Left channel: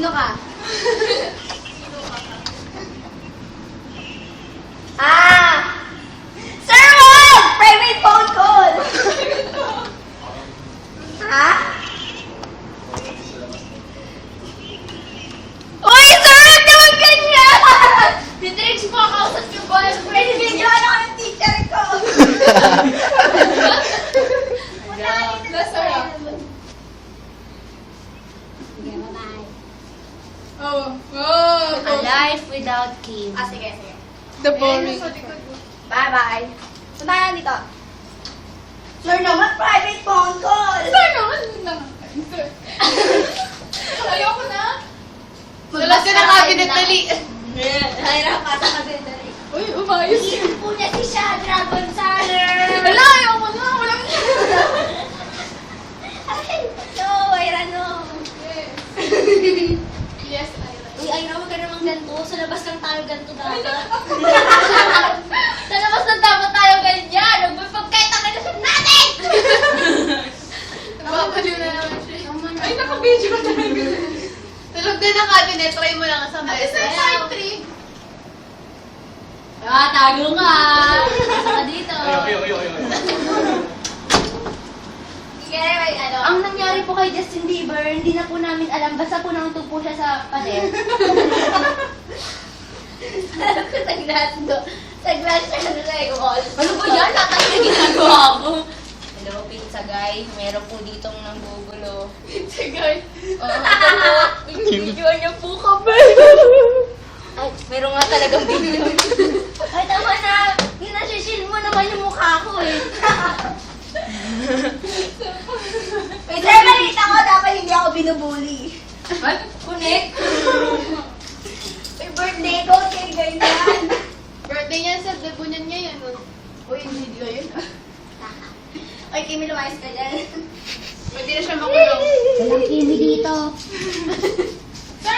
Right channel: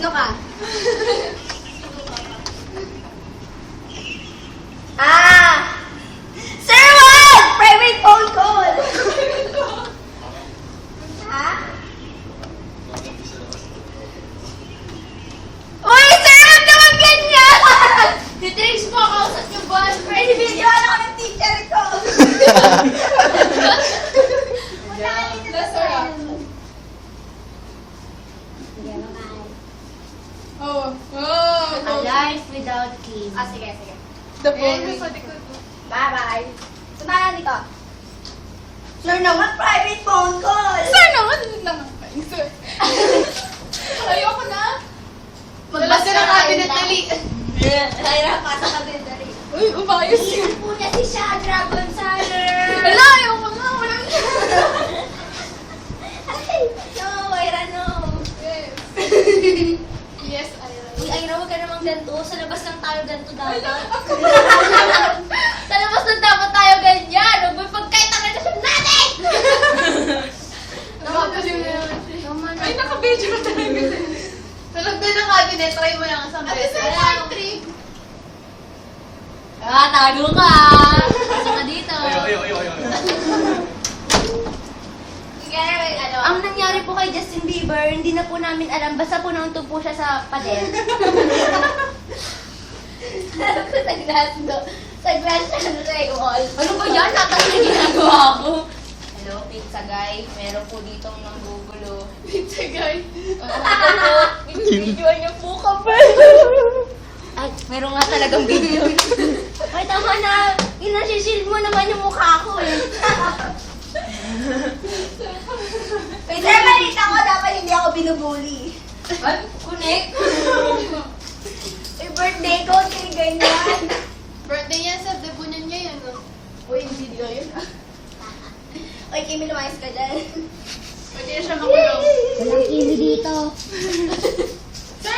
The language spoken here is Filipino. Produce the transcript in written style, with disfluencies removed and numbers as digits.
Sino ka? Ah! Sir Juan! Private phone call! Ha? Uy, sir! Huwag naman ganyan! Bitrix mo ako sa yung boyfriend. Video na ako ng teacher ko. Oh, oh, A life without Kim. Ah, sige, sige. the boring. Bye-bye. Samahan dito. Sir naman, private phone call. Sir naman, sir. Ayoko na. Wala sila cabinet dali. Ayun ka sa kabin dali. Uy, umayos. Iyon po niya si Shandra Gonzalez. Wala, ayoko na. Wala na. Ay, no, Ira, no. Yes, Ira. Uy, Ira, huwag ka namang ganito. Sa labas lang tayo ganito dapat. Sa labas lang dapat tayo ganyan. Huwag mo pagkaita ka na siya natin! Nakapaliw na naman siya. Naman Ay, ako. nakabidyo na talaga. Tulog din ang cabinet. Try mo lang isang beses. Ate, sa part 3. Ah, tago ka. Basta ka dito. Ang nangyari po kay Justin Bieber, hindi na po namin alam. Basta po nauntog po siya sa pader. Sa glass do. Sa glass siya na wall. Ano ba yan? Lahat na ginagawa ko. Hello, pizza guy. Meron po ditong nanggugulo. Pizza guy. Video niya po kami. Ay, meron nga talagang video. Ay, tama na. Inasisil mo naman yung mukha ko eh. Wait, sir, malita ko. Dapat hindi ako binubuli. Ay, kunik. Ay, birthday ko. Kaya ganyan. Birthday niya sa debut niya ngayon. No? O hindi ngayon. Ay, Kimi, lumayas ka dyan. Pwede na siya makulong. Walang Kimi dito.